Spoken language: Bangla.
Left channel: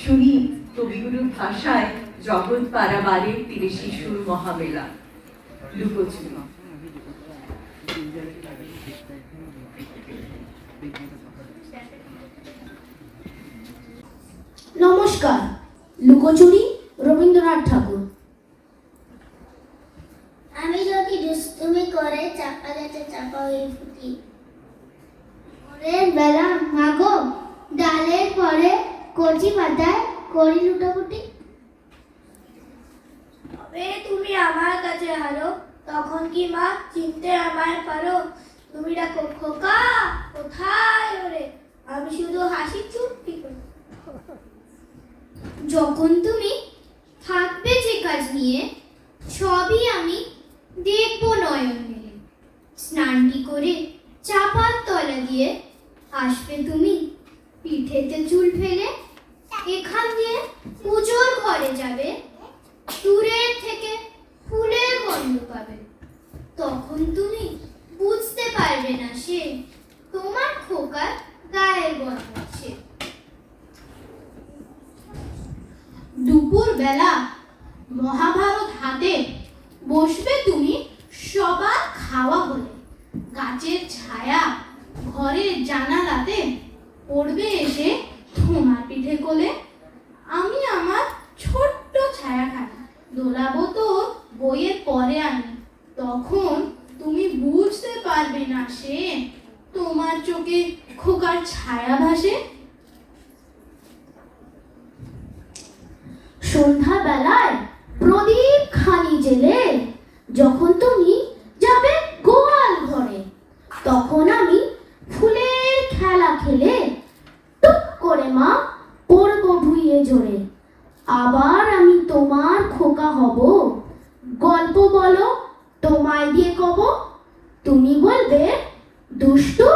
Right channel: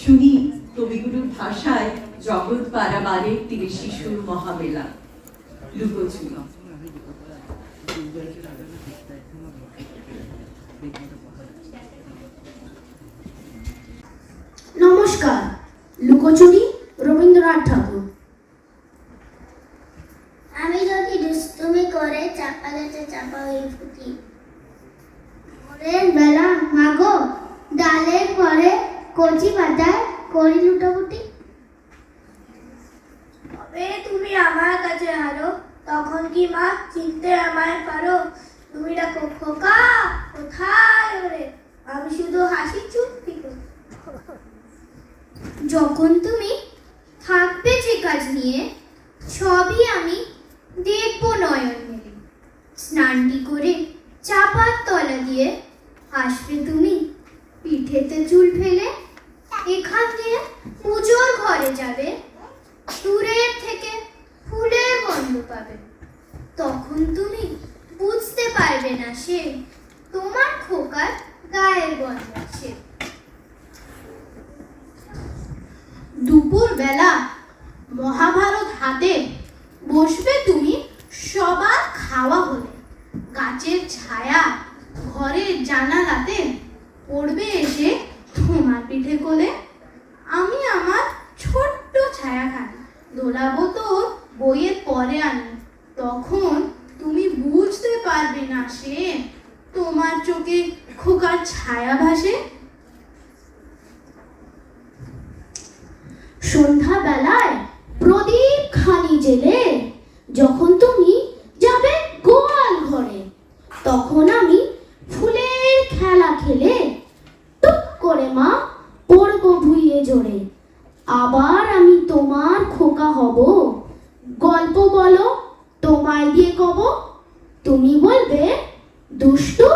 শুনি কবিগুরুর ভাষায় জগৎ পারাবারের তীরে শিশুর মহামেলা লুকোচুরি। নমস্কার। লুকোচুরি রবীন্দ্রনাথ ঠাকুর। আমি যদি দুষ্টুমি করে চাপা গাছে চাপা হয়ে ফুটি, ভোরের বেলা মাগো ডালের পরে কচি পাতায় করি লুটোপুটি। তবে তুমি আমার কাছে হারো, তখন কি মা চিনতে আমায় পারো? তুমি ডাকো খোকা কোথায় ওরে, আমি শুধু হাসি চুপটি করে। যখন তুমি থাকবে যে কাজ নিয়ে, সবই আমি দেখব নয়ন মেলে। স্নানটি করে চাপার তলা দিয়ে আসবে তুমি পিঠেতে চুল ফেলে। এখান দিয়ে পুজোর ঘরে যাবে, দূরের থেকে ফুলের গন্ধ পাবে। তখন তুমি বুঝতে পারবে না সে তোমার খোকার গায়ের গন্ধ আছে। দুপুর বেলা মহাভারত হাতে বসবে তুমি সবার খাওয়া হলে। গাছের ছায়া ঘরের জানালাতে পড়বে এসে তোমার পিঠে কোলে। আমি আমার ছোট্ট ছায়াখানা দোলাবো তোর বইয়ের পরে আমি। তখন তুমি বুঝতে পারবে না সে তোমার চোখে খোকার ছায়া ভাসে। সন্ধ্যা বেলায় প্রদীপ খানি জেলে যখন তুমি যাবে গোয়াল ঘরে, তখন আমি ফুলের খেলা খেলে টুক করে মা পড়বো ভুইয়ে জোরে। আবার আমি তোমার খোকা হব, গল্প বলো তোমায় দিয়ে কব। তুমি বলবে দুষ্টু